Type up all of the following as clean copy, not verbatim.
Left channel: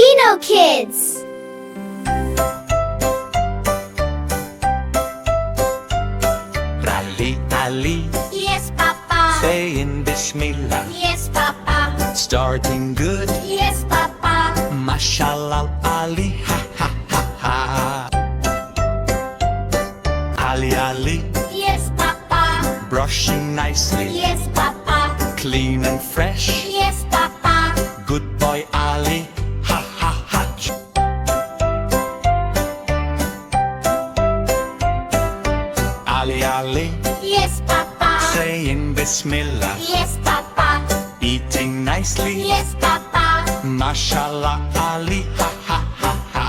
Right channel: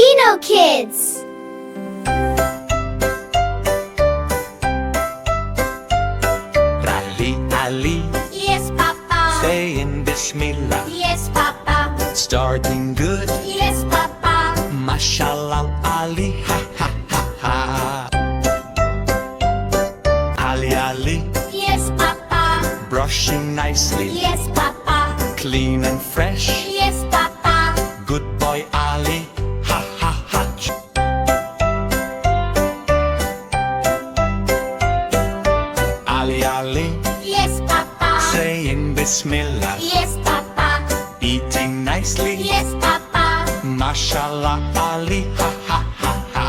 Deenokidzz. Ali, Ali, Yes, Papa. saying Bismillah, Yes, Papa. starting good, Yes, Papa. Mashallah, Ali, ha ha ha ha. Ali, Ali, Yes, Papa. brushing nicely, Yes, Papa. clean and fresh, Yes, Papa. good boy Ali, ha ha ha. Ali, Ali, Yes, Papa. saying Bismillah, Yes, Papa. eating nicely, Yes, Papa. Mashallah, Ali, ha ha ha ha.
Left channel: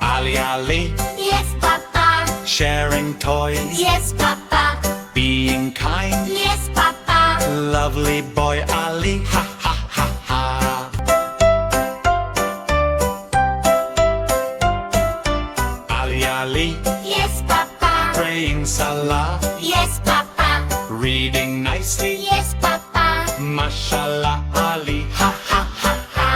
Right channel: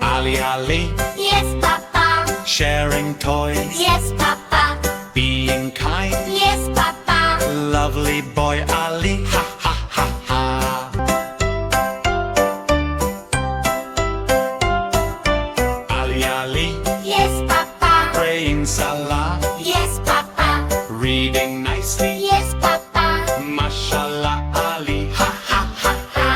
Ali, Ali, Yes, Papa. sharing toys, Yes, Papa. being kind, Yes, Papa. lovely boy Ali, ha ha ha ha. Ali, Ali, Yes, Papa. praying Salah, Yes, Papa. reading nicely, Yes, Papa. Mashallah, Ali, ha ha ha ha.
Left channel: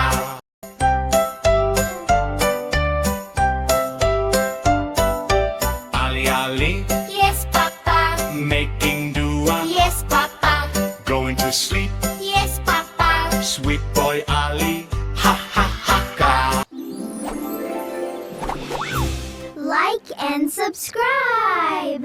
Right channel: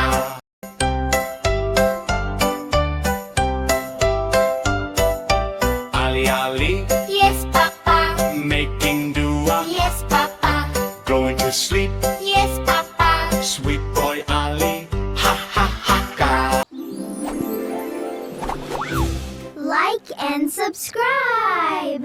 Ali, Ali, Yes, Papa. making dua, Yes, Papa. going to sleep, Yes, Papa. sweet boy Ali, ha ha ha ha. Like and subscribe.